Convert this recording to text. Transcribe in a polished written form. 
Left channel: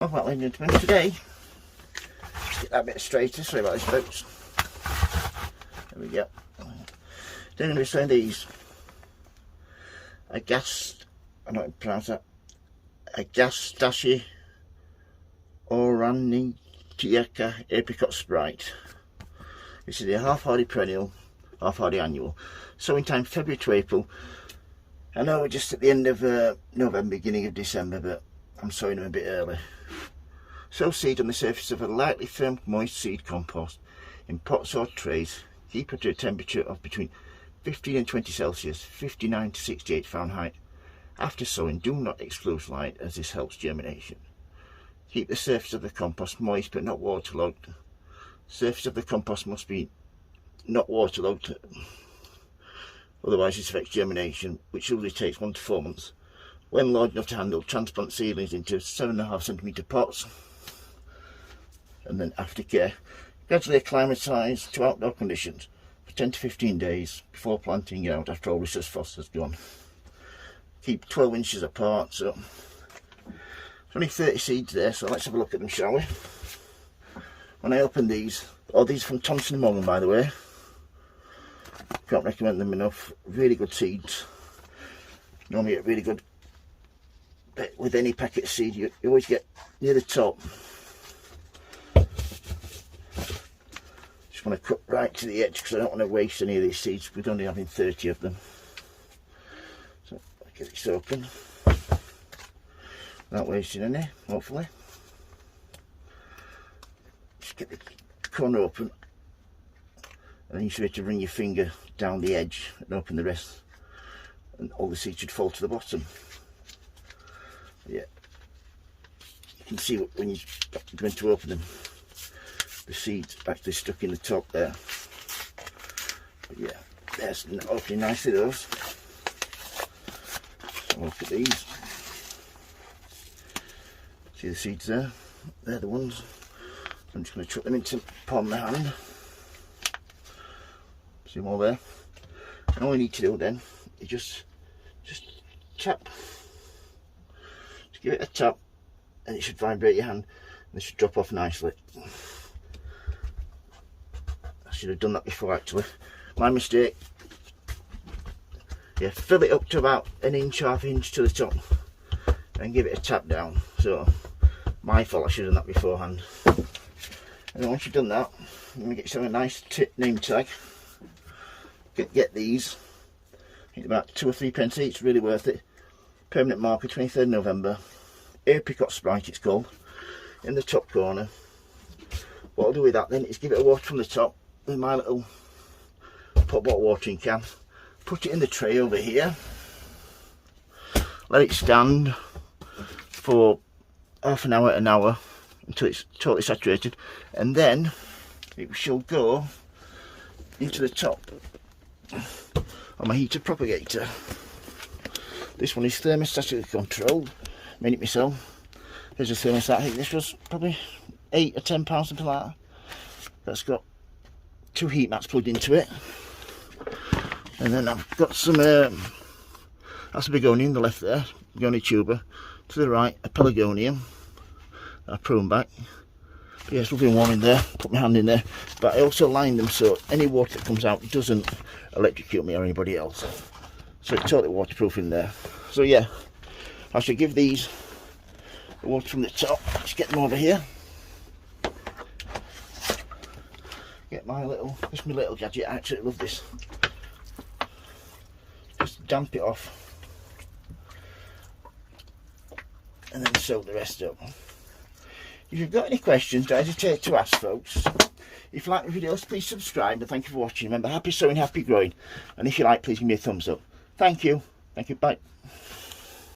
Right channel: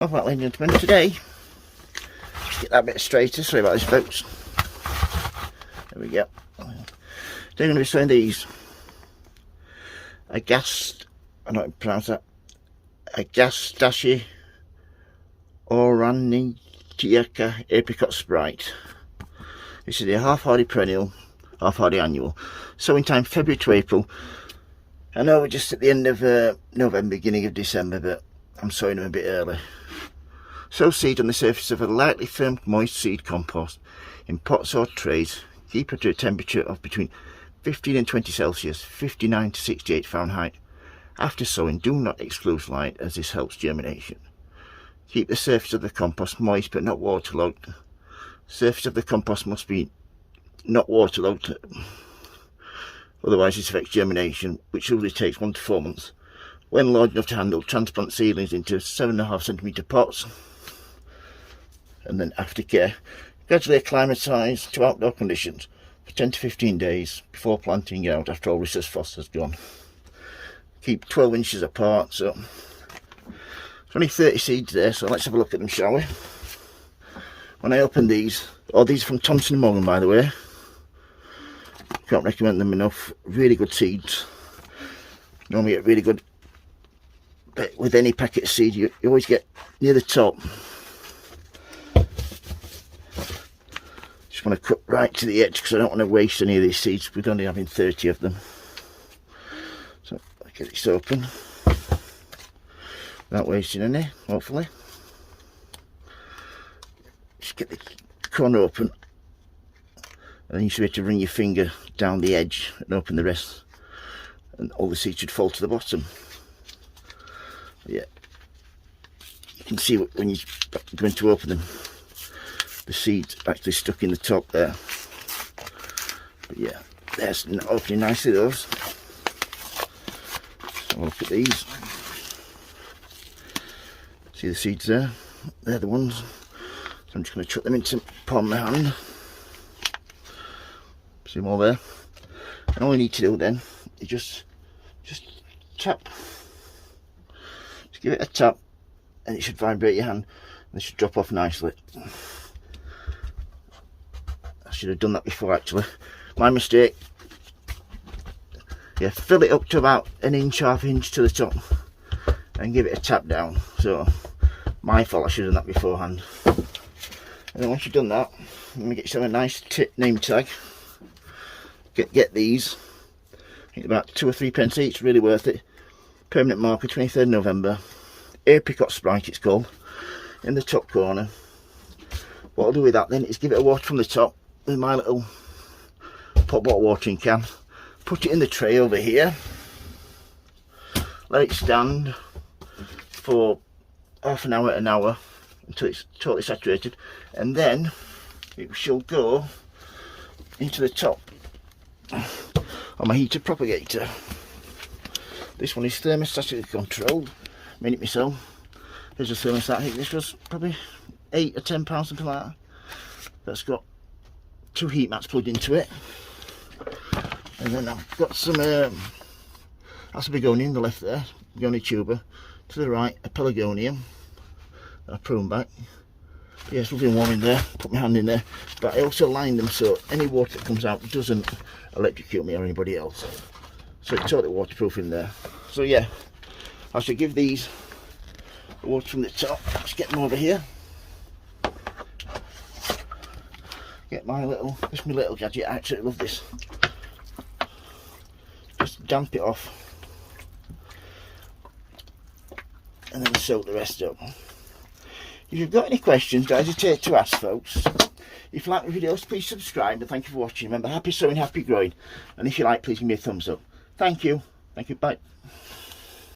Well, ladies and gentlemen, today, get that bit straighter, sorry about this folks. There we go. Today I'm going to be showing these agastache oranitica apricot Sprite. This is a half-hardy perennial, half-hardy annual. Sowing time February to April. I know we're just at the end of November, beginning of December, but I'm sowing them a bit early. Sow seed on the surface of a lightly firm moist seed compost in pots or trays. Keep it to a temperature of between 15 and 20 Celsius, 59 to 68 Fahrenheit. After sowing, do not exclude light as this helps germination. Keep the surface of the compost moist but not waterlogged. The surface of the compost must be not waterlogged, otherwise this affects germination, which usually takes 1 to 4 months. When large enough to handle, transplant seedlings into 7.5cm pots, and then after care, gradually acclimatise to outdoor conditions for 10 to 15 days before planting out after all rhesus frost has gone. Keep 12 inches apart, so there's only 30 seeds there, so let's have a look at them, shall we? When I open these, these are from Thompson & Morgan, by the way. Can't recommend them enough. Really good seeds. Normally get really good, but with any packet of seed you always get near the top. Just want to cut right to the edge because I don't want to waste any of these seeds. We're only having 30 of them. So I'll get this open without wasting any, hopefully. Just get the corner open, and then you should be able to run your finger down the edge and open the rest, and all the seeds should fall to the bottom. Yeah, you can see when you're going to open them, the seeds actually stuck in the top there. But yeah, there's opening nicely those. So look at these. See the seeds there? They're the ones. So I'm just going to chuck them into the palm of my hand. See them all there? And all you need to do then is just tap. Just give it a tap and it should vibrate your hand and it should drop off nicely. I should have done that before actually. My mistake. Yeah, fill it up to about 1 inch, half inch to the top and give it a tap down. So my fault, I should have done that beforehand. And then once you've done that, let me get yourself a nice name tag. Get these. I think about 2 or 3 pence each, really worth it. Permanent marker, 23rd November. Apricot Sprite it's called. In the top corner. What I'll do with that then is give it a water from the top with my little pot bottle watering can. Put it in the tray over here. Let it stand for half an hour, until it's totally saturated. And then it shall go into the top on my heater propagator. This one is thermostatically controlled. Made it myself. Here's a thermostat. I think this was probably £8 or £10, something like that. That's got 2 heat mats plugged into it. And then I've got some that's a begonia on the left there, begonia tuber. To the right, a pelargonium. I prune back. Yeah, it's lovely warm in there. Put my hand in there. But I also line them so any water that comes out doesn't electrocute me or anybody else. So it's totally waterproof in there. So yeah, I should give these the water from the top. Let's get them over here. Get my little, this is my little gadget. I absolutely love this. Just damp it off. And then soak the rest up. If you've got any questions, don't hesitate to ask, folks. If you like my videos, please subscribe, and thank you for watching. Remember, happy sowing, happy growing. And if you like, please give me a thumbs up. Thank you. Thank you. Bye.